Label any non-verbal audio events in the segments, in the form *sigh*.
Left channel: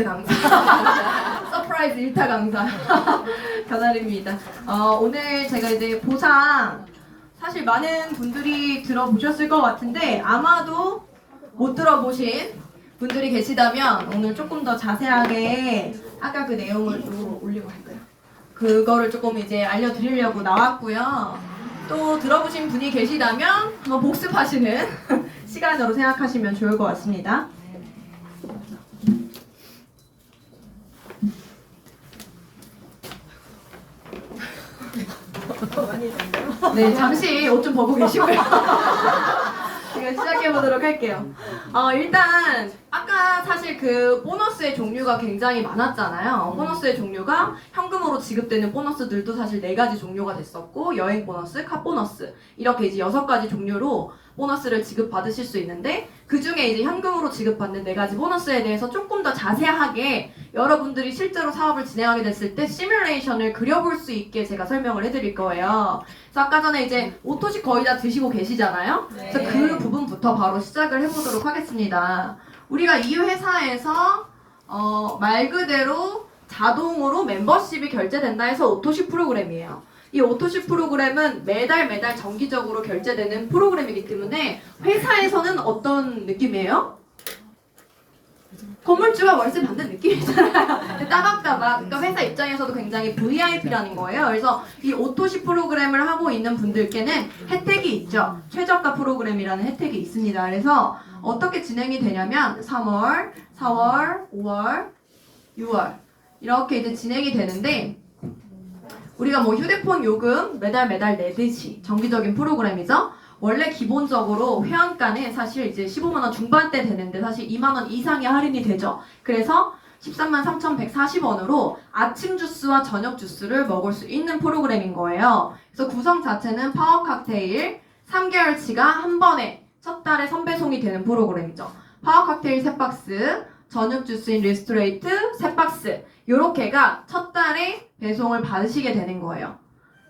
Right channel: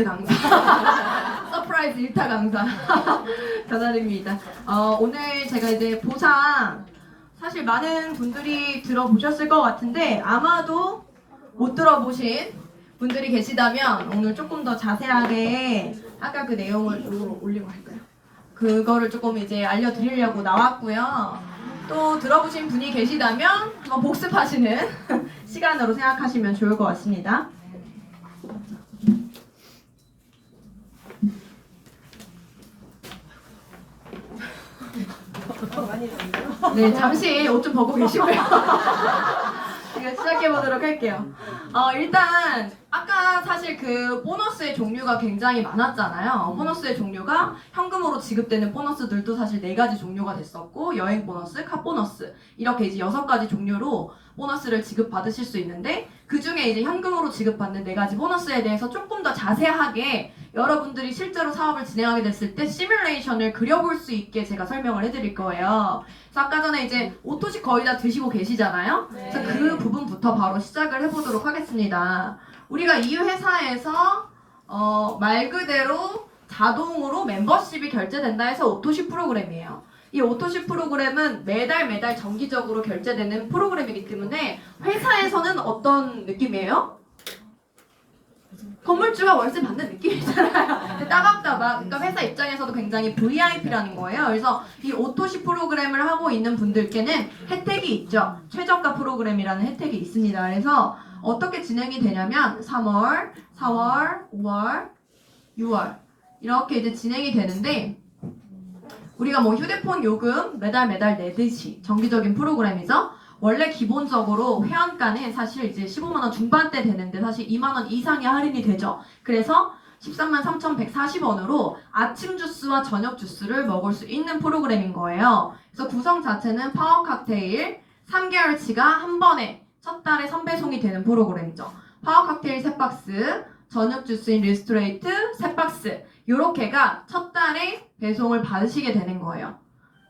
서프라이즈 강사. *laughs* 서프라이즈 일타 강사. *laughs* 견아입니다. 어, 오늘 제가 이제 보상 사실 많은 분들이 들어보셨을 것 같은데 아마도 못 들어보신 분들이 계시다면 오늘 조금 더 자세하게 아까 그 내용을 또 올리고 있어요. 그거를 조금 이제 알려드리려고 나왔고요. 또 들어보신 분이 계시다면 한번 복습하시는 *laughs* 시간으로 생각하시면 좋을 것 같습니다. 네, 잠시 옷 좀 벗고 계시고요. *laughs* 제가 시작해 보도록 할게요. 어, 일단 아까 사실 그 보너스의 종류가 굉장히 많았잖아요. 보너스의 종류가 현금으로 지급되는 보너스들도 사실 네 가지 종류가 됐었고 여행 보너스, 카 보너스 이렇게 이제 여섯 가지 종류로 보너스를 지급받으실 수 있는데 그 중에 이제 현금으로 지급받는 네 가지 보너스에 대해서 조금 더 자세하게 여러분들이 실제로 사업을 진행하게 됐을 때 시뮬레이션을 그려볼 수 있게 제가 설명을 해드릴 거예요. 그래서 아까 전에 이제 오토식 거의 다 드시고 계시잖아요. 그래서 그 부분부터 바로 시작을 해보도록 하겠습니다. 우리가 이 회사에서 어, 말 그대로 자동으로 멤버십이 결제된다 해서 오토식 프로그램이에요. 이 오토식 프로그램은 매달 매달 정기적으로 결제되는 프로그램이기 때문에 회사에서는 어떤 느낌이에요? 건물주가 월세 받는 느낌이잖아요. 따박따박. 그러니까 회사 입장에서도 굉장히 VIP라는 거예요. 그래서 이 오토시 프로그램을 하고 있는 분들께는 혜택이 있죠. 최저가 프로그램이라는 혜택이 있습니다. 그래서 어떻게 진행이 되냐면 3월, 4월, 5월, 6월 이렇게 이제 진행이 되는데 우리가 뭐 휴대폰 요금 매달 매달 내듯이 정기적인 프로그램이죠. 원래 기본적으로 회원가는 사실 이제 15만 원 중반대 되는데 사실 2만 원 이상의 할인이 되죠. 그래서 13만 3,140원으로 아침 주스와 저녁 주스를 먹을 수 있는 프로그램인 거예요. 그래서 구성 자체는 파워 칵테일 3개월치가 한 번에 첫 달에 선배송이 되는 프로그램이죠. 파워 칵테일 3박스, 저녁 주스인 리스토레이트 3박스 요렇게가 첫 달에 배송을 받으시게 되는 거예요.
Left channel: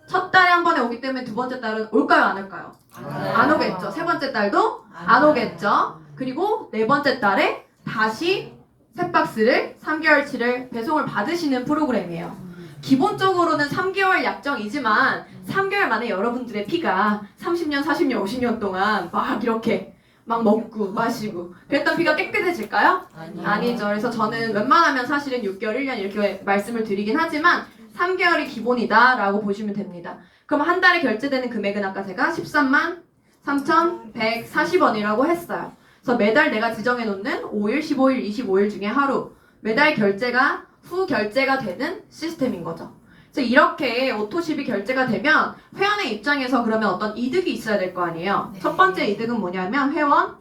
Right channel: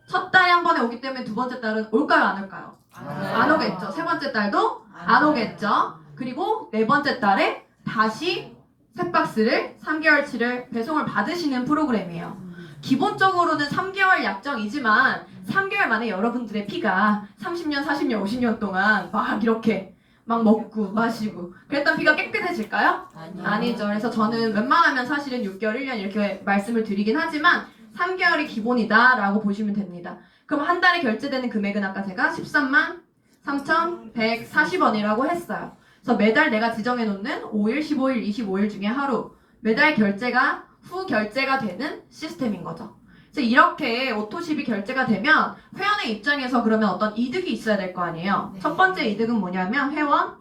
첫 달에 한 번에 오기 때문에 두 번째 달은 올까요 안 올까요? 안 오겠죠. 세 번째 달도 안 오겠죠. 그리고 네 번째 달에 다시 새 박스를 3개월치를 배송을 받으시는 프로그램이에요. 기본적으로는 3개월 약정이지만 3개월 만에 여러분들의 피가 30년, 40년, 50년 동안 막 이렇게 막 먹고 마시고 그랬던 피가 깨끗해질까요? 아니죠. 그래서 저는 웬만하면 사실은 6개월, 1년 이렇게 말씀을 드리긴 하지만 3개월이 기본이다라고 보시면 됩니다. 그럼 한 달에 결제되는 금액은 아까 제가 13만 3,140원이라고 했어요. 그래서 매달 내가 지정해 놓는 5일, 15일, 25일 중에 하루 매달 결제가 후 결제가 되는 시스템인 거죠. 그래서 이렇게 오토십이 결제가 되면 회원의 입장에서 그러면 어떤 이득이 있어야 될 거 아니에요. 첫 번째 이득은 뭐냐면 회원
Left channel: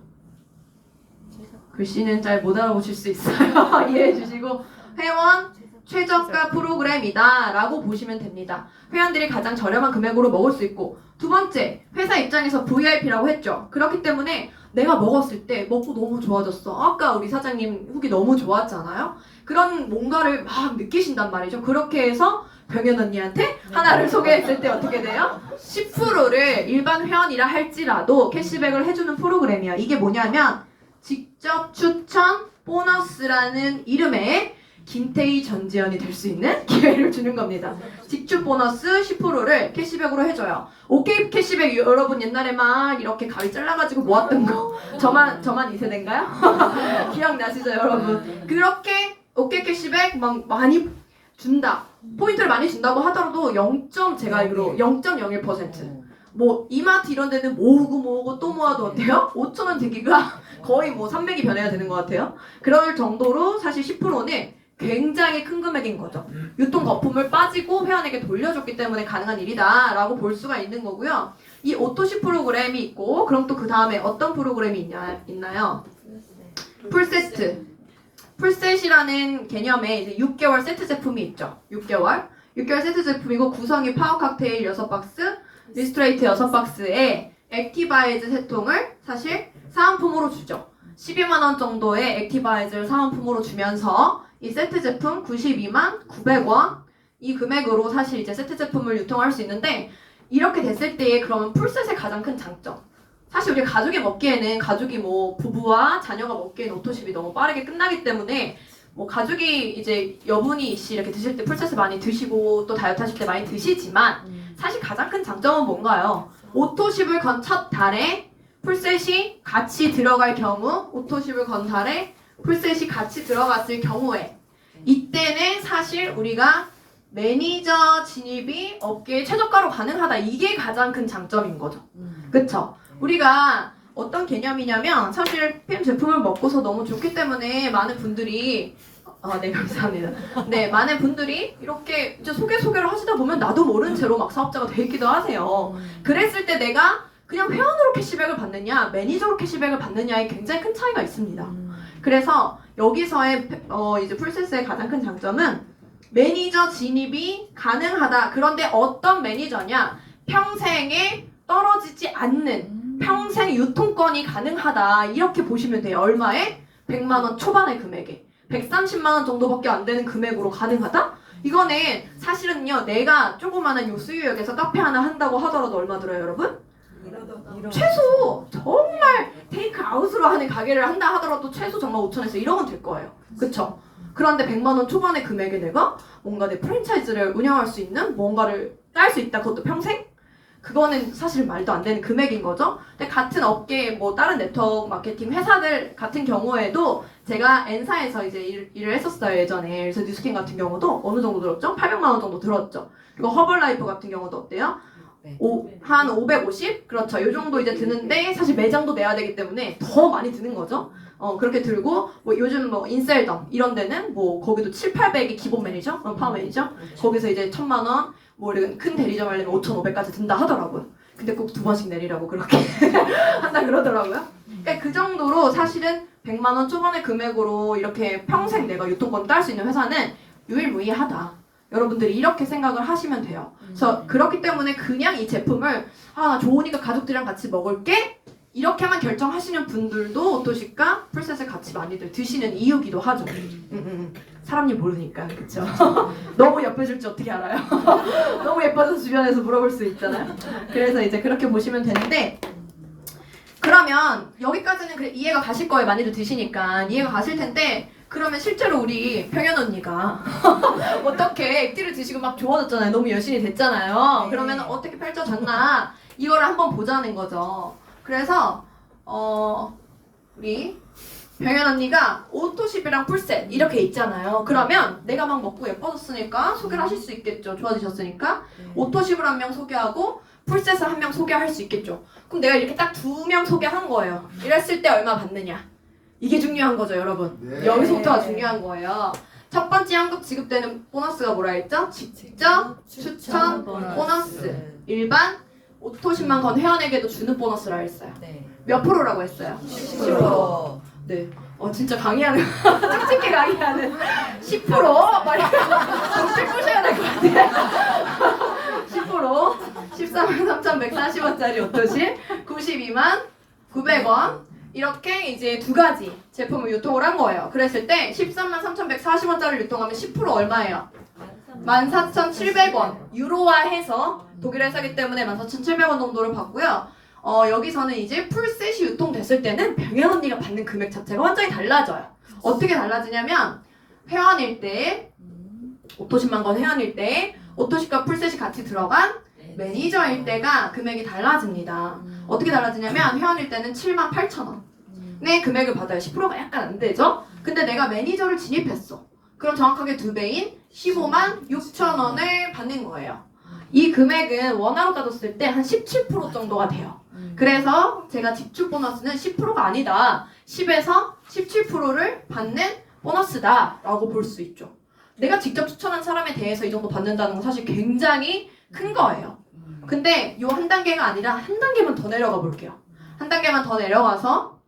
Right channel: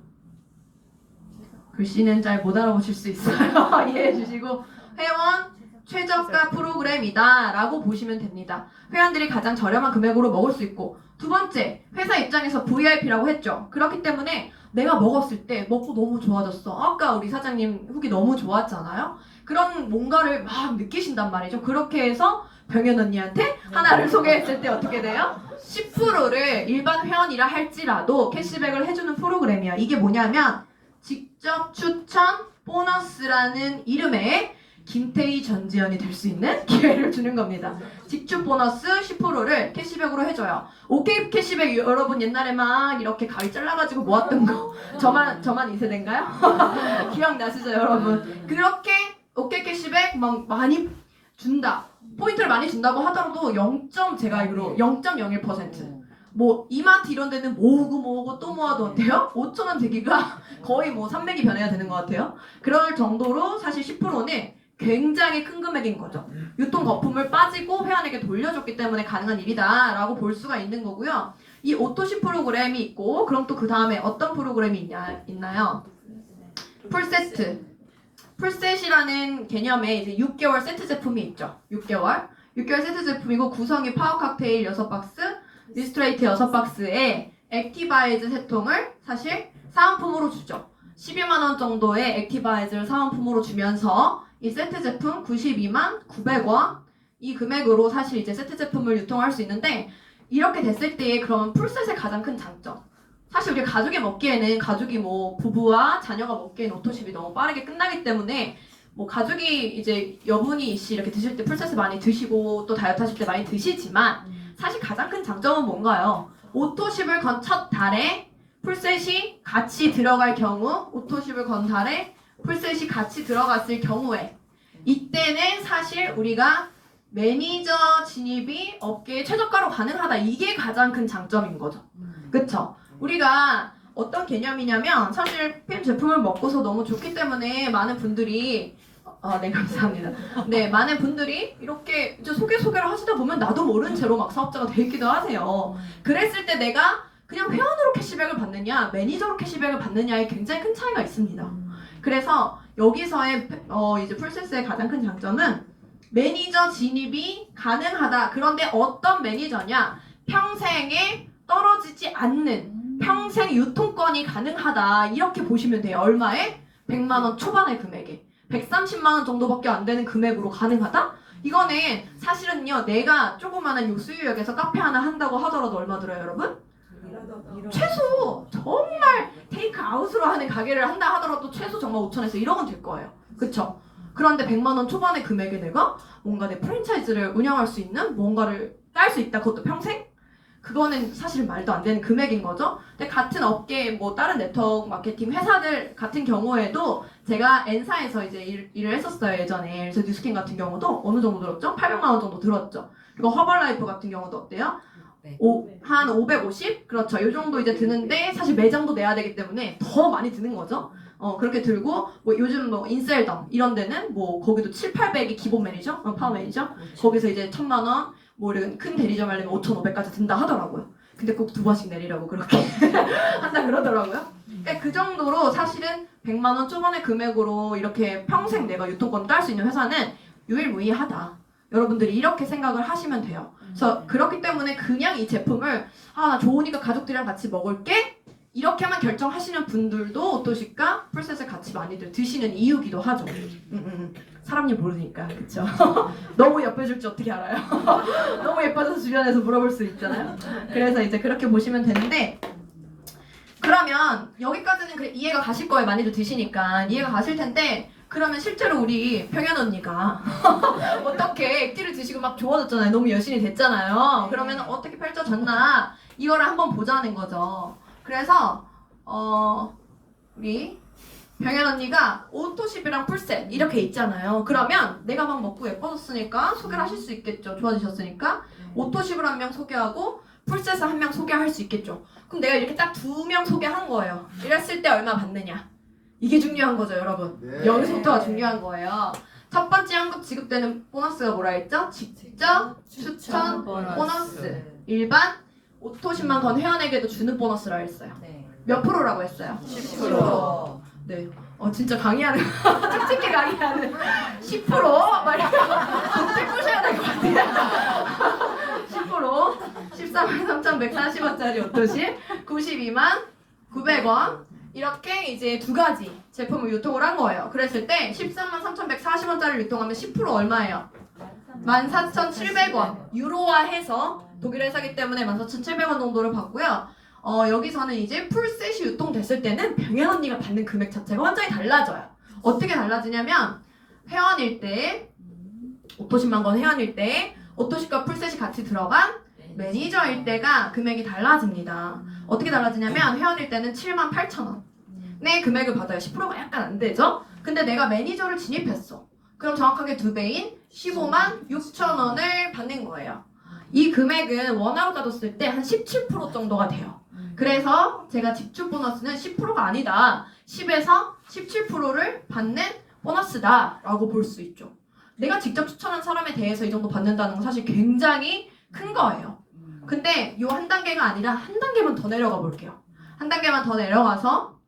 글씨는 잘 못 알아보실 수 있어요. *laughs* 이해해 주시고 회원 최저가 프로그램이다 라고 보시면 됩니다. 회원들이 가장 저렴한 금액으로 먹을 수 있고 두 번째 회사 입장에서 VIP라고 했죠. 그렇기 때문에 내가 먹었을 때 먹고 너무 좋아졌어. 아까 우리 사장님 후기 너무 좋았잖아요. 그런 뭔가를 막 느끼신단 말이죠. 그렇게 해서 병현 언니한테 하나를 소개했을 때 어떻게 돼요? 10%를 일반 회원이라 할지라도 캐시백을 해주는 프로그램이에요. 이게 뭐냐면 직접 추천 보너스라는 이름의 김태희 전지현이 될 수 있는 기회를 주는 겁니다. 직접 보너스 10%를 캐시백으로 해줘요. 오케이 캐시백 여러분 옛날에 막 이렇게 가위 잘라가지고 모았던 거 저만 저만 이 세대인가요? *laughs* 기억나시죠 여러분? 그렇게 오케이 캐시백 막 많이 준다. 포인트를 많이 준다고 하더라도 0. 제가 알기로 0.01%. 뭐 이마트 이런 데는 모으고 모으고 또 모아도 어때요? 5천 원 되기가 거의 뭐 300이 변해야 되는 것 같아요. 그럴 정도로 사실 10%는 굉장히 큰 금액인 거죠. 유통 거품을 빠지고 회원에게 돌려줬기 때문에 가능한 일이다라고 볼 수가 있는 거고요. 이 오토시 프로그램이 있고 그럼 또 그 다음에 어떤 프로그램이 있냐, 있나요? 풀세트. 풀셋이라는 개념의 이제 6개월 세트 제품이 있죠. 6개월. 6개월 세트 제품이고 구성이 파워 칵테일 6박스, 리스트레이트 6박스에 액티바이즈 세 통을 사실 사은품으로 주죠. 12만 원 정도의 액티바이즈를 사은품으로 주면서 이 세트 제품 92만 900원 이 금액으로 사실 이제 세트 제품을 유통할 수 있는데 이렇게 됐을 때의 그런 풀셋의 가장 큰 장점 사실 우리 가족이 먹기에는 가족이 뭐 부부와 자녀가 먹기에는 오토십이 너무 빠르게 끝나기 때문에 뭐 가족이 이제 여분이 씨 이렇게 드실 때 풀셋을 많이 드시고 또 다이어트 하실 때 많이 드시지만 사실 가장 큰 장점은 뭔가요? 오토십을 건 첫 달에 풀셋이 같이 들어갈 경우 오토십을 건 달에 풀셋이 같이 들어갔을 경우에 이때는 사실 우리가 매니저 진입이 업계에 최저가로 가능하다 이게 가장 큰 장점인 거죠. 그쵸? 우리가 어떤 개념이냐면 사실 팸 제품을 먹고서 너무 좋기 때문에 많은 분들이 아, 네 감사합니다. 네 많은 분들이 이렇게 이제 소개 소개를 하시다 보면 나도 모른 채로 막 사업자가 되기도 하세요. 그랬을 때 내가 그냥 회원으로 캐시백을 받느냐 매니저로 캐시백을 받느냐에 굉장히 큰 차이가 있습니다. 그래서 여기서의 어, 이제 풀세스의 가장 큰 장점은 매니저 진입이 가능하다. 그런데 어떤 매니저냐? 평생에 떨어지지 않는 평생 유통권이 가능하다. 이렇게 보시면 돼요. 얼마에? 100만 원 초반의 금액에. 130만 원 정도밖에 안 되는 금액으로 가능하다? 이거는 사실은요. 내가 조그마한 요 수유역에서 카페 하나 한다고 하더라도 얼마 들어요, 여러분? 최소 정말 테이크 아웃으로 하는 가게를 한다 하더라도 최소 정말 5천에서 1억은 될 거예요. 그쵸? 그런데 100만 원 초반의 금액에 내가 뭔가 내 프랜차이즈를 운영할 수 있는 뭔가를 딸 수 있다. 그것도 평생? 그거는 사실 말도 안 되는 금액인 거죠. 근데 같은 업계 뭐 다른 네트워크 마케팅 회사들 같은 경우에도 제가 N사에서 이제 일, 일을 했었어요 예전에. 그래서 뉴스킨 같은 경우도 어느 정도 들었죠? 800만 원 정도 들었죠. 그리고 허벌라이프 같은 경우도 어때요? 네. 오, 한 550? 그렇죠. 이 정도 이제 드는데 사실 매장도 내야 되기 때문에 더 많이 드는 거죠. 어, 그렇게 들고 뭐 요즘 뭐 인셀덤 이런 데는 뭐 거기도 7, 800이 기본 매니저, 어, 파워 매니저. 거기서 이제 천만 원, 뭐 이런 큰 대리점 하려면 5,500까지 든다 하더라고요. 근데 꼭 두 번씩 내리라고 그렇게 *laughs* 한다 그러더라고요. 그러니까 그 정도로 사실은 100만 원 초반의 금액으로 이렇게 평생 내가 유통권 딸 수 있는 회사는 유일무이하다. 여러분들이 이렇게 생각을 하시면 돼요. 그래서 그렇기 때문에 그냥 이 제품을 아나 좋으니까 가족들이랑 같이 먹을게 이렇게만 결정하시는 분들도 오토시카 풀셋을 같이 많이들 드시는 이유기도 하죠. 음, 음, 음. 사람이 모르니까 그렇죠. *laughs* 너무 예뻐질지 어떻게 알아요? *laughs* 너무 예뻐서 주변에서 물어볼 수 있잖아요. 그래서 이제 그렇게 보시면 되는데 그러면 여기까지는 그래 이해가 가실 거예요. 많이들 드시니까 이해가 가실 텐데 그러면 실제로 우리 평현 언니가 *laughs* 어떻게 액티를 드시고 막 좋아졌잖아요. 너무 열심히 됐잖아요. 그러면 어떻게 펼쳐졌나 이거를 한번 보자는 거죠. 그래서 어 우리 병현 언니가 오토십이랑 풀셋 이렇게 있잖아요. 그러면 내가 막 먹고 예뻐졌으니까 소개를 하실 수 있겠죠. 좋아지셨으니까 오토십을 한 명 소개하고 풀셋을 한 명 소개할 수 있겠죠. 그럼 내가 이렇게 딱 두 명 소개한 거예요. 이랬을 때 얼마 받느냐? 이게 중요한 거죠, 여러분. 네. 여기서부터가 중요한 거예요. 첫 번째 한급 지급되는 보너스가 뭐라 했죠? 직접 추천 보너스. 일반 오토십만 건 회원에게도 주는 보너스라 했어요. 네. 몇 프로라고 했어요? 10%. 네. 어 진짜 강의하는 *laughs* 솔직히 강의하는 10% 말이 정신 부셔야 될 것 같아요. 10% 13만 3,140원짜리 오토시 92만 900원 이렇게 이제 두 가지 제품을 유통을 한 거예요. 그랬을 때 13만 3,140원짜리 유통하면 10% 얼마예요? 14,700원 유로화 해서 독일 회사기 때문에 14,700원 정도를 받고요. 어, 여기서는 이제 풀셋이 유통됐을 때는 병현 언니가 받는 금액 자체가 완전히 달라져요. 어떻게 달라지냐면 회원일 때 오토십만 건 회원일 때 오토십과 풀셋이 같이 들어간 매니저일 때가 금액이 달라집니다. 어떻게 달라지냐면 회원일 때는 7만 8천 원. 의 금액을 받아요. 10%가 약간 안 되죠? 근데 내가 매니저를 진입했어. 그럼 정확하게 두 배인 15만 6천 원을 받는 거예요. 이 금액은 원화로 따졌을 때 한 17% 정도가 돼요. 그래서 제가 지출 보너스는 10%가 아니다. 10에서 17%를 받는 보너스다라고 볼 수 있죠. 내가 직접 추천한 사람에 대해서 이 정도 받는다는 건 사실 굉장히 큰 거예요. 근데 요한 단계가 아니라 한 단계만 더 내려가 볼게요. 한 단계만 더 내려가서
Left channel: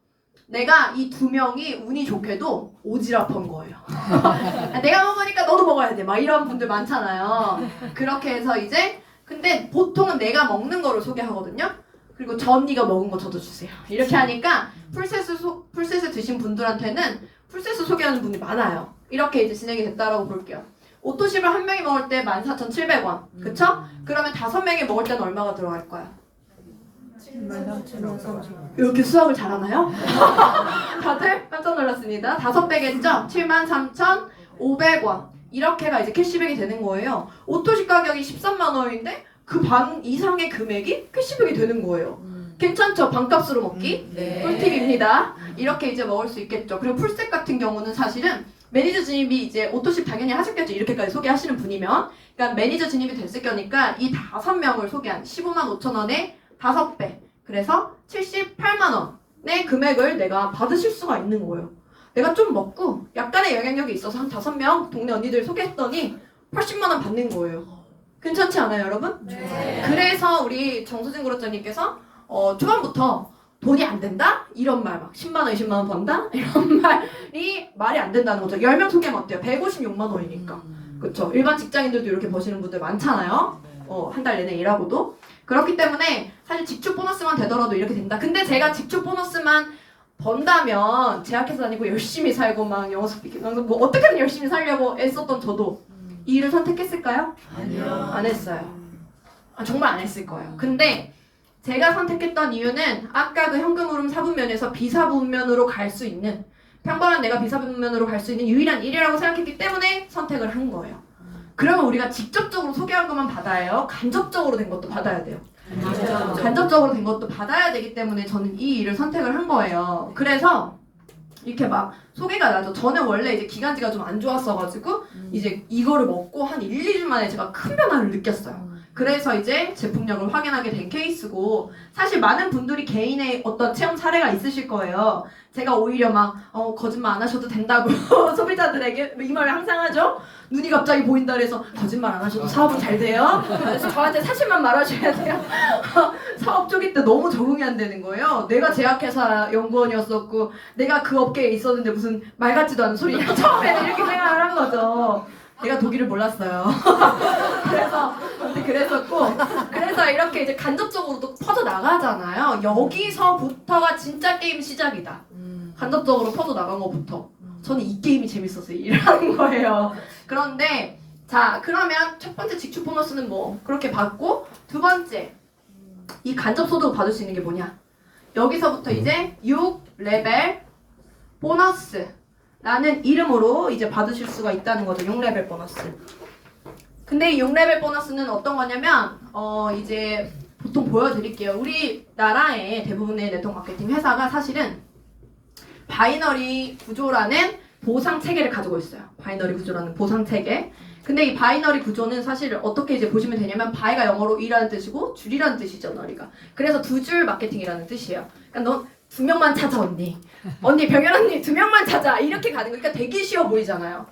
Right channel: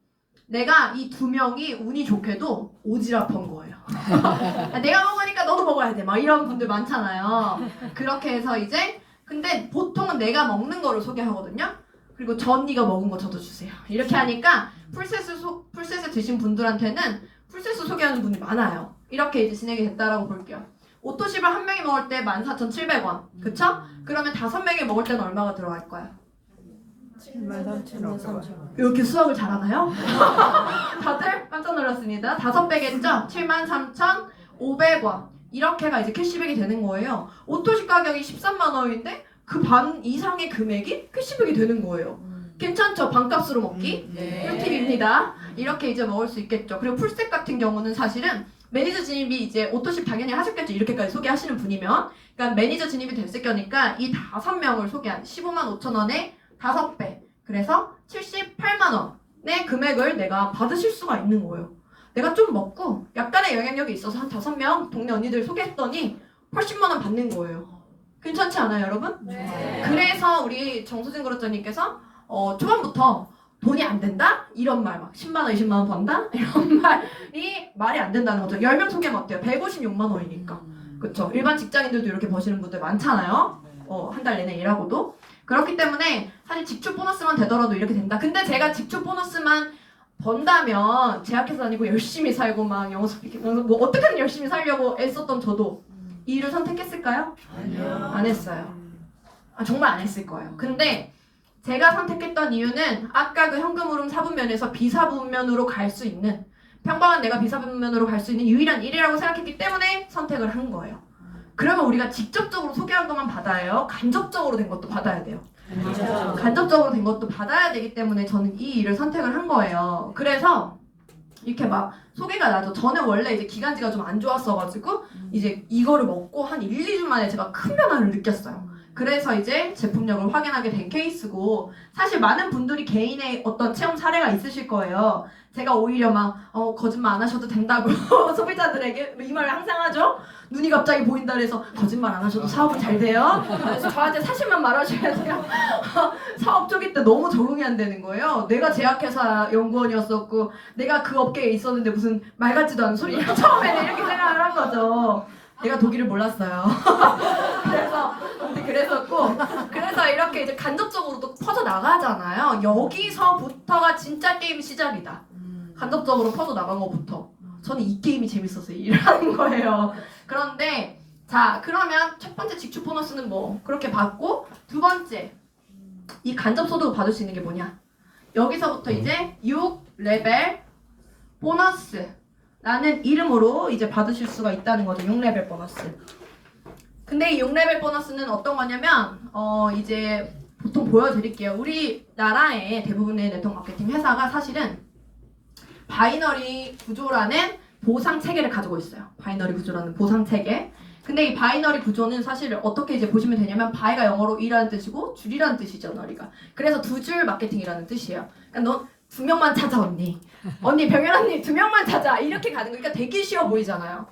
내가 이 두 명이 운이 좋게도 오지랖한 거예요. *laughs* 내가 먹으니까 너도 먹어야 돼. 막 이런 분들 많잖아요. 그렇게 해서 이제 근데 보통은 내가 먹는 거를 소개하거든요. 그리고 저 언니가 먹은 거 저도 주세요. 이렇게 하니까 풀셋을 소, 풀셋을 드신 분들한테는 풀셋을 소개하는 분이 많아요. 이렇게 이제 진행이 됐다라고 볼게요. 오토십을 한 명이 먹을 때 14,700원. 그쵸? 그러면 다섯 명이 먹을 때는 얼마가 들어갈 거야? 이렇게 수학을 잘하나요? *laughs* 다들 깜짝 놀랐습니다. 다섯 배겠죠? 73,500원. 이렇게가 이제 캐시백이 되는 거예요. 오토식 가격이 13만 원인데 그 반 이상의 금액이 캐시백이 되는 거예요. 괜찮죠? 반값으로 먹기? 네. 꿀팁입니다. 이렇게 이제 먹을 수 있겠죠. 그리고 풀셋 같은 경우는 사실은 매니저 진입이 이제 오토십 당연히 하셨겠죠. 이렇게까지 소개하시는 분이면. 그러니까 매니저 진입이 됐을 거니까 이 다섯 명을 소개한 15만 5천 원에 다섯 배. 그래서 78만 원의 금액을 내가 받으실 수가 있는 거예요. 내가 좀 먹고 약간의 영향력이 있어서 한 다섯 명 동네 언니들 소개했더니 80만 원 받는 거예요. 괜찮지 않아요, 여러분? 네. 그래서 우리 정수진 그룹장님께서 어, 초반부터 돈이 안 된다? 이런 말 막 10만 원, 20만 원 번다? *laughs* 이런 말이 말이 안 된다는 거죠. 10명 소개하면 어때요? 156만 원이니까. 그렇죠. 일반 직장인들도 이렇게 버시는 분들 많잖아요. 어, 한 달 내내 일하고도. 그렇기 때문에 사실 직출 보너스만 되더라도 이렇게 된다. 근데 제가 직출 보너스만 번다면 제약회사 다니고 열심히 살고 막 영어 스피킹 뭐 어떻게든 열심히 살려고 애썼던 저도 이 일을 선택했을까요? 아니요. 안 했어요. 아, 정말 안 했을 거예요. 근데 제가 선택했던 이유는 아까 그 현금 흐름 사분면에서 비사분면으로 갈 수 있는 평범한 내가 비사분면으로 갈 수 있는 유일한 일이라고 생각했기 때문에 선택을 한 거예요. 그러면 우리가 직접적으로 소개한 것만 받아야 해요. 간접적으로 된 것도 받아야 돼요. 간접적으로 된 것도 받아야 되기 때문에 저는 이 일을 선택을 한 거예요. 그래서 이렇게 막 소개가 나죠. 저는 원래 이제 기관지가 좀 안 좋았어가지고 이제 이거를 먹고 한 1, 2주 만에 제가 큰 변화를 느꼈어요. 그래서 이제 제품력을 확인하게 된 케이스고 사실 많은 분들이 개인의 어떤 체험 사례가 있으실 거예요. 제가 오히려 막 어, 거짓말 안 하셔도 된다고 *laughs* 소비자들에게 이 말을 항상 하죠. 눈이 갑자기 보인다 그래서 거짓말 안 하셔도 사업은 잘 돼요. 그래서 저한테 사실만 말하셔야 돼요. *laughs* 사업 쪽일 때 너무 적응이 안 되는 거예요. 내가 제약회사 연구원이었었고 내가 그 업계에 있었는데 무슨 말 같지도 않은 소리냐 *laughs* 처음에는 이렇게 생각을 한 거죠. 내가 독일을 몰랐어요. *laughs* 그래서 그랬었고 그래서 이렇게 이제 간접적으로 또 퍼져 나가잖아요. 여기서부터가 진짜 게임 시작이다. 간접적으로 퍼져 나간 것부터 저는 이 게임이 재밌어서 일하는 *laughs* 거예요. 그런데 자 그러면 첫 번째 직출 보너스는 뭐 그렇게 받고 두 번째 이 간접 소득을 받을 수 있는 게 뭐냐? 여기서부터 이제 6 레벨 보너스라는 이름으로 이제 받으실 수가 있다는 거죠. 6 레벨 보너스. 근데 이 6레벨 보너스는 어떤 거냐면 어 이제 보통 보여드릴게요. 우리나라의 대부분의 네트워크 마케팅 회사가 사실은 바이너리 구조라는 보상 체계를 가지고 있어요. 바이너리 구조라는 보상 체계. 근데 이 바이너리 구조는 사실 어떻게 이제 보시면 되냐면 바이가 영어로 이라는 뜻이고 줄이라는 뜻이죠, 너리가. 그래서 두 줄 마케팅이라는 뜻이에요. 그러니까 너두 명만 찾아 언니. *laughs* 언니 병현 언니 두 명만 찾아 이렇게 가는 거니까 되게 쉬워 보이잖아요.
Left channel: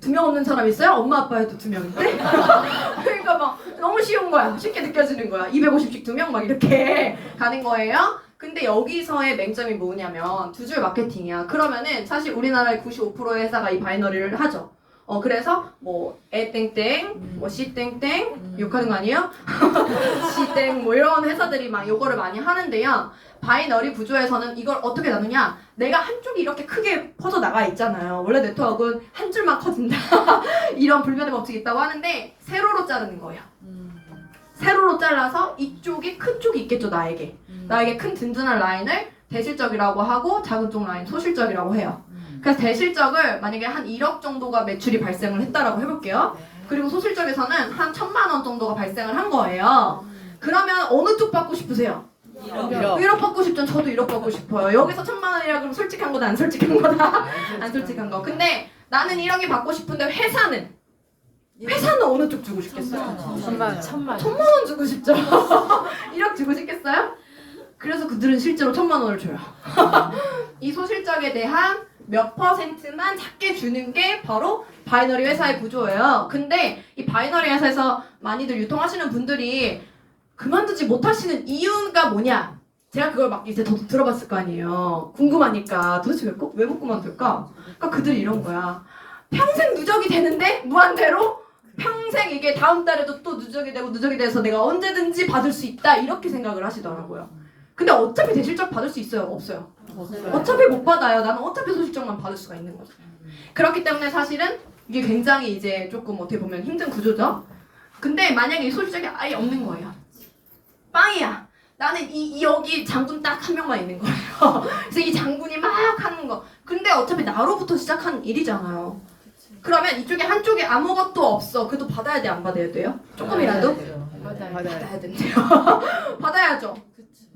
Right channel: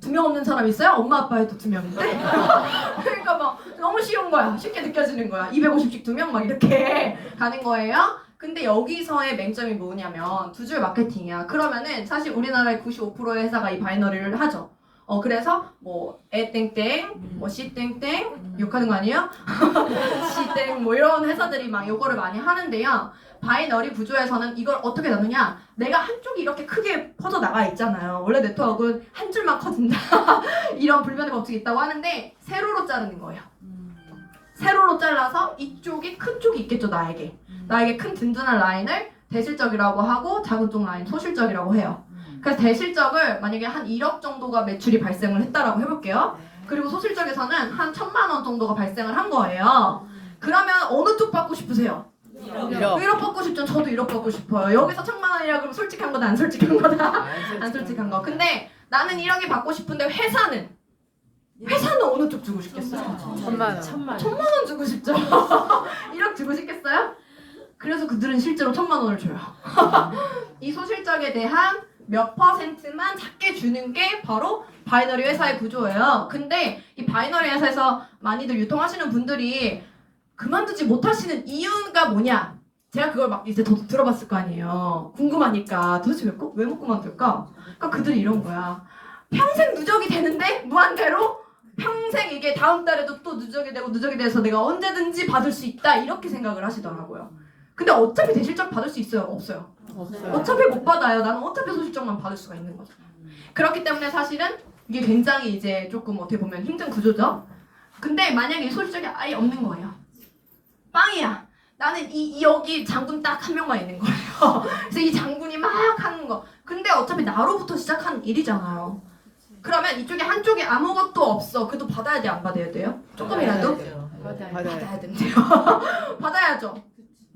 두 명 없는 사람 있어요? 엄마 아빠 해도 두 명인데? *laughs* 그러니까 막 너무 쉬운 거야. 쉽게 느껴지는 거야. 250씩 두 명 막 이렇게 *laughs* 가는 거예요. 근데 여기서의 맹점이 뭐냐면 두 줄 마케팅이야. 그러면은 사실 우리나라의 95%의 회사가 이 바이너리를 하죠. 어 그래서 뭐 에땡땡, 뭐 씨 땡땡 욕하는 거 아니에요? *laughs* 씨땡 뭐 이런 회사들이 막 요거를 많이 하는데요. 바이너리 구조에서는 이걸 어떻게 나누냐? 내가 한쪽이 이렇게 크게 퍼져 나가 있잖아요. 원래 네트워크는 한 줄만 커진다. *laughs* 이런 불변의 법칙이 있다고 하는데 세로로 자르는 거예요. 세로로 잘라서 이쪽이 큰 쪽이 있겠죠 나에게. 나에게 큰 든든한 라인을 대실적이라고 하고 작은 쪽 라인 소실적이라고 해요. 그래서 대실적을 만약에 한 1억 정도가 매출이 발생을 했다라고 해볼게요. 그리고 소실적에서는 한 천만 원 정도가 발생을 한 거예요. 그러면 어느 쪽 받고 싶으세요? 1억 받고 싶죠. 저도 1억 받고 싶어요. 여기서 천만 원이라 그러면 솔직한 거다 안 솔직한 거다? 안 솔직한 거. 근데 나는 1억이 받고 싶은데 회사는 회사는 어느 쪽 주고 싶겠어요? 천만 천만 천만 원 주고 싶죠. *laughs* 1억 주고 싶겠어요? 그래서 그들은 실제로 천만 원을 줘요. *laughs* 이 소실적에 대한 몇 퍼센트만 작게 주는 게 바로 바이너리 회사의 구조예요. 근데 이 바이너리 회사에서 많이들 유통하시는 분들이 그만두지 못하시는 이유가 뭐냐? 제가 그걸 막 이제 더 들어봤을 거 아니에요. 궁금하니까 도대체 왜, 꼭- 왜못 그만둘까? 그러니까 그들이 이런 거야. 평생 누적이 되는데 무한대로 평생 이게 다음 달에도 또 누적이 되고 누적이 돼서 내가 언제든지 받을 수 있다 이렇게 생각을 하시더라고요. 근데 어차피 대실적 받을 수 있어요? 없어요? 어차피 못 받아요. 나는 어차피 소실적만 받을 수가 있는 거죠. 그렇기 때문에 사실은 이게 굉장히 이제 조금 어떻게 보면 힘든 구조죠. 근데 만약에 이 소실적이 아예 없는 거예요. 빵이야. 나는 이, 이 여기 장군 딱 한 명만 있는 거예요. *laughs* 그래서 이 장군이 막 하는 거. 근데 어차피 나로부터 시작한 일이잖아요. 그러면 이쪽에 한쪽에 아무것도 없어. 그래도 받아야 돼, 안 받아야 돼요? 조금이라도? 받아요. 받아야 된대요. *laughs* 받아야죠.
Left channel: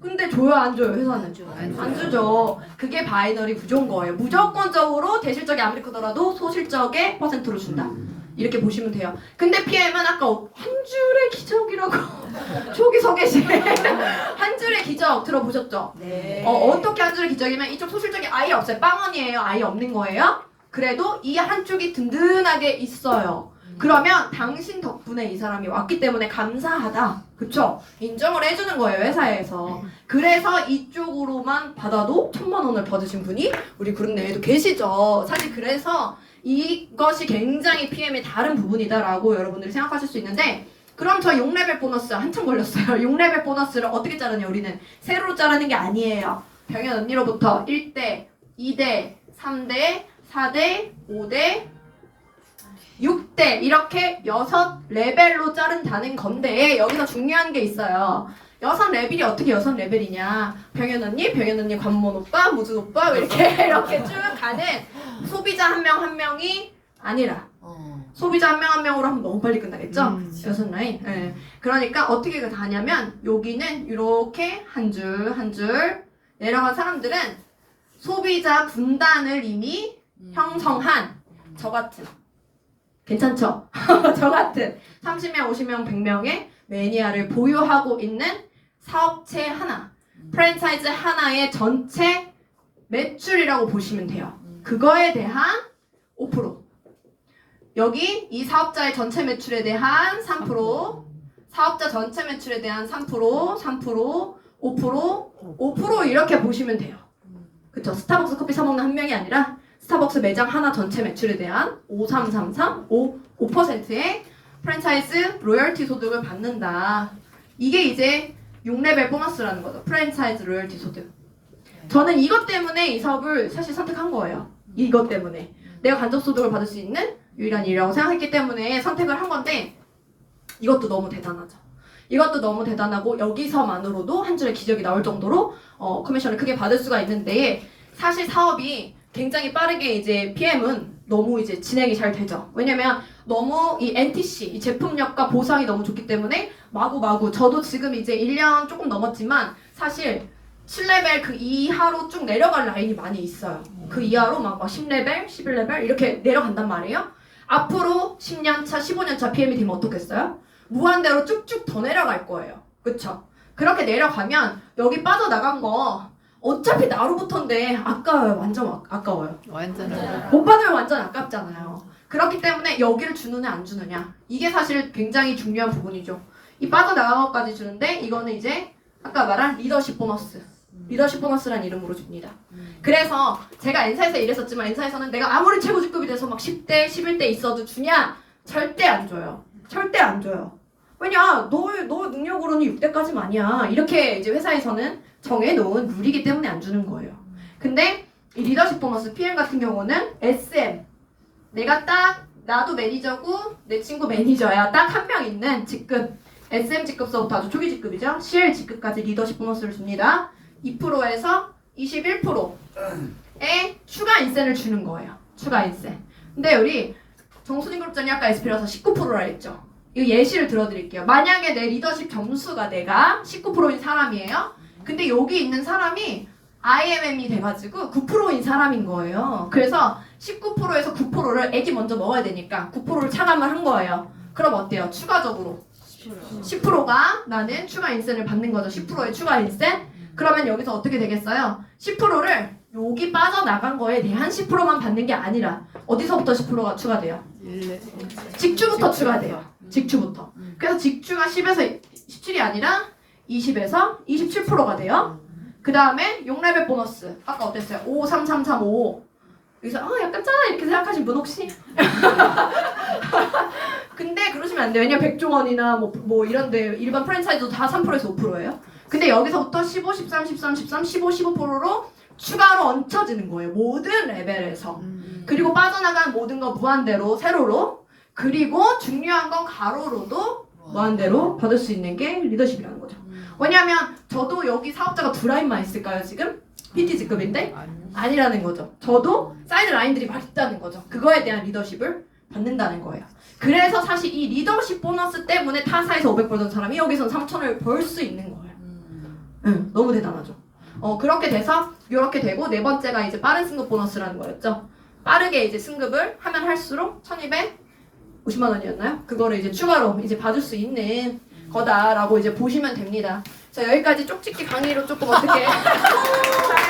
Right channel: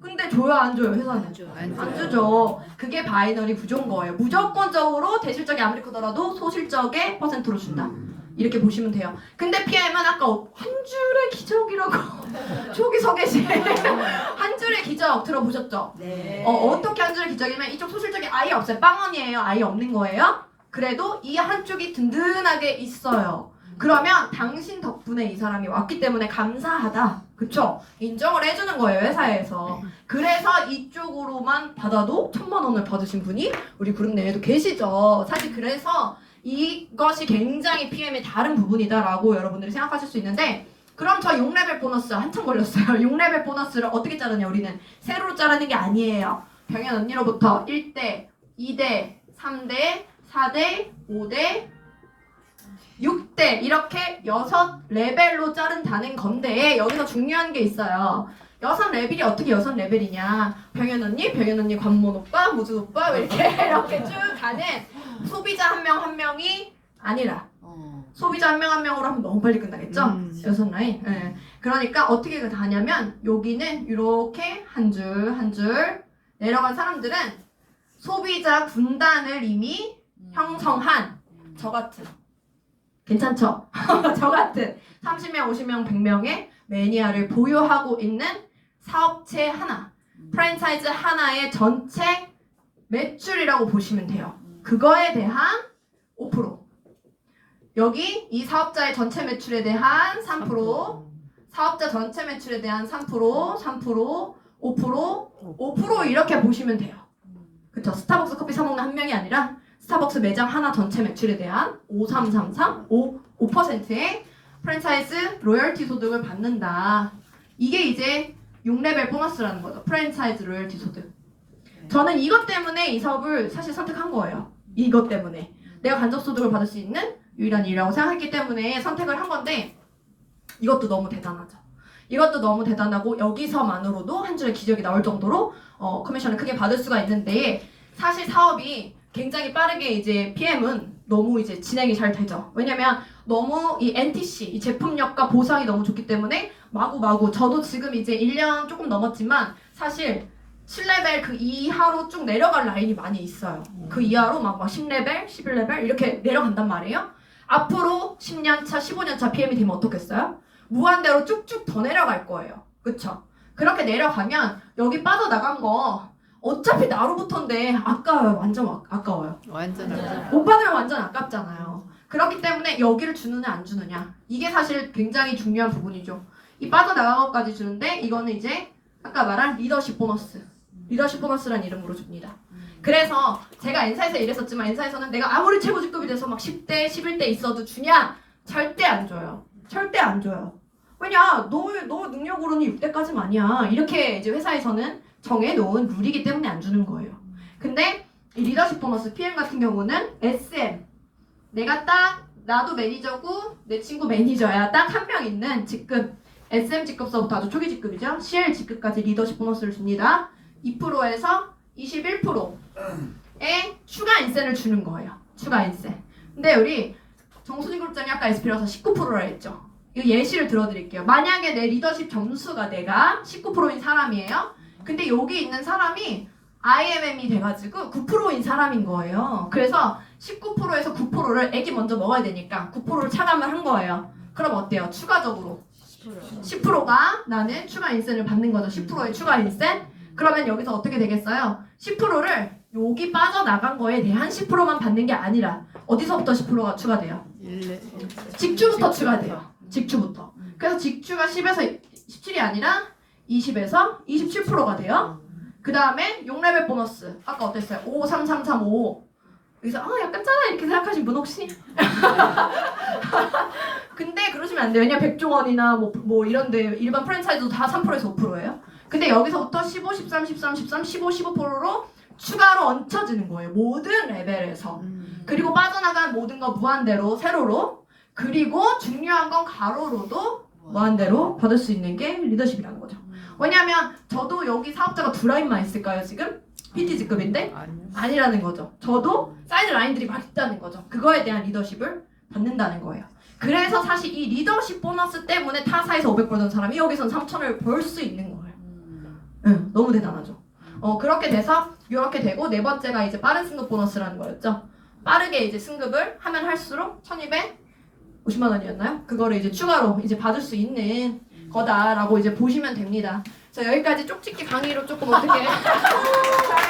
근데 줘요, 안 줘요, 회사는? 안 주죠. 그게 바이너리 구조인 거예요. 무조건적으로 대실적이 아무리 크더라도 소실적의 퍼센트로 준다. 이렇게 보시면 돼요. 근데 PM은 아까 한 줄의 기적이라고 *laughs* 초기 소개시 *laughs* 한 줄의 기적 들어보셨죠? 네. 어, 어떻게 한 줄의 기적이면 이쪽 소실적이 아예 없어요. 빵원이에요. 아예 없는 거예요. 그래도 이 한쪽이 든든하게 있어요. 그러면 당신 덕분에 이 사람이 왔기 때문에 감사하다. 그쵸? 인정을 해주는 거예요, 회사에서. 그래서 이쪽으로만 받아도 천만 원을 받으신 분이 우리 그룹 내에도 계시죠. 사실 그래서 이것이 굉장히 PM의 다른 부분이다라고 여러분들이 생각하실 수 있는데 그럼 저 6레벨 보너스 한참 걸렸어요. *laughs* 6레벨 보너스를 어떻게 자르냐 우리는 세로로 자르는 게 아니에요. 병현 언니로부터 1대, 2대, 3대, 4대, 5대, 6대 이렇게 여섯 레벨로 자른다는 건데 여기서 중요한 게 있어요. 여섯 레벨이 어떻게 여섯 레벨이냐? 병현 언니, 병현 언니 관몬 오빠, 무준 오빠 이렇게 *laughs* 이렇게 쭉 가는 소비자 한 명 한 명이 아니라 소비자 한 명 한 명으로 하면 너무 빨리 끝나겠죠? 음. 여섯 라인. 예. 그러니까 어떻게 가냐면 여기는 이렇게 한 줄 한 줄 내려간 사람들은 소비자 분단을 이미 형성한 저 같은 괜찮죠? *laughs* 저 같은 30명, 50명, 100명의 매니아를 보유하고 있는 사업체 하나, 프랜차이즈 하나의 전체 매출이라고 보시면 돼요. 그거에 대한 5% 여기 이 사업자의 전체 매출에 대한 3% 사업자 전체 매출에 대한 3% 3% 5% 5% 이렇게 보시면 돼요. 그쵸? 스타벅스 커피 사 먹는 한 명이 아니라 스타벅스 매장 하나 전체 매출에 대한 5333 5 5%의 프랜차이즈 로열티 소득을 받는다. 이게 이제 6레벨 보너스라는 거죠. 프랜차이즈 로열티 소득. 저는 이것 때문에 이 사업을 사실 선택한 거예요. 이것 때문에. 내가 간접 소득을 받을 수 있는 유일한 일이라고 생각했기 때문에 선택을 한 건데 이것도 너무 대단하죠. 이것도 너무 대단하고 여기서만으로도 한 줄의 기적이 나올 정도로 어, 커미션을 크게 받을 수가 있는데 사실 사업이 굉장히 빠르게 이제 PM은 너무 이제 진행이 잘 되죠. 왜냐면 너무 이 NTC 이 제품력과 보상이 너무 좋기 때문에 마구마구 저도 지금 이제 1년 조금 넘었지만 사실 7레벨 그 이하로 쭉 내려갈 라인이 많이 있어요. 그 이하로 막, 막 10레벨, 11레벨 이렇게 내려간단 말이에요. 앞으로 10년 차, 15년 차 PM이 되면 어떻겠어요? 무한대로 쭉쭉 더 내려갈 거예요. 그쵸? 그렇게 내려가면 여기 빠져나간 거 어차피 나로부터인데 아까워요. 완전 아- 아까워요. 완전 못 받으면 완전 아깝잖아요. 그렇기 때문에 여기를 주느냐 안 주느냐 이게 사실 굉장히 중요한 부분이죠. 이 빠져나간 것까지 주는데 이거는 이제 아까 말한 리더십 보너스. 리더십 보너스라는 이름으로 줍니다. 그래서 제가 엔사에서 일했었지만 엔사에서는 내가 아무리 최고 직급이 돼서 막 10대, 11대 있어도 주냐? 절대 안 줘요. 절대 안 줘요. 왜냐? 너의 너 능력으로는 6대까지만이야. 이렇게 이제 회사에서는 정해놓은 룰이기 때문에 안 주는 거예요. 근데 이 리더십 보너스 PM 같은 경우는 SM 내가 딱 나도 매니저고 내 친구 매니저야 딱 한 명 있는 직급 SM 직급서부터 아주 초기 직급이죠. CL 직급까지 리더십 보너스를 줍니다. 2%에서 21%의 추가 인센을 주는 거예요. 추가 인센. 근데 우리 정수진 그룹장이 아까 SP라서 19%라 했죠. 이 예시를 들어드릴게요. 만약에 내 리더십 점수가 내가 19%인 사람이에요. 근데 여기 있는 사람이 IMM이 돼가지고 9%인 사람인 거예요. 그래서 19%에서 9%를 애기 먼저 먹어야 되니까 9%를 차감을 한 거예요. 그럼 어때요? 추가적으로 10%가 나는 추가 인센을 받는 거죠. 10%의 추가 인센. 그러면 여기서 어떻게 되겠어요? 10%를 여기 빠져나간 거에 대한 10%만 받는 게 아니라 어디서부터 10%가 추가돼요? 직주부터 추가돼요. 직주부터. 그래서 직주가 10에서 17이 아니라 20에서 27%가 돼요. 그 다음에 6레벨 보너스. 아까 어땠어요? 5, 3, 3, 3, 5. 여기서 아 약간 짜나 이렇게 생각하신 분 혹시? *laughs* 근데 그러시면 안 돼요. 왜냐 백종원이나 뭐, 뭐 이런데 일반 프랜차이즈도 다 3%에서 5%예요. 근데 여기서부터 15, 13, 13, 13, 15, 15%로 추가로 얹혀지는 거예요. 모든 레벨에서. 그리고 빠져나간 모든 거 무한대로 세로로 그리고 중요한 건 가로로도 무한대로 받을 수 있는 게 리더십이라는 거죠. 왜냐면 저도 여기 사업자가 두 라인만 있을까요 지금? PT직급인데? 아니라는 거죠. 저도 사이드 라인들이 막 있다는 거죠. 그거에 대한 리더십을 받는다는 거예요. 그래서 사실 이 리더십 보너스 때문에 타사에서 500 벌던 사람이 여기선 3천을 벌 수 있는 거예요. 응, 너무 대단하죠. 어, 그렇게 돼서 이렇게 되고 네 번째가 이제 빠른 승급 보너스라는 거였죠. 빠르게 이제 승급을 하면 할수록 1250만 원이었나요? 그거를 이제 추가로 이제 받을 수 있는 거다라고 이제 보시면 됩니다. 자, 여기까지 쪽집기 강의로 조금 어떻게 *laughs*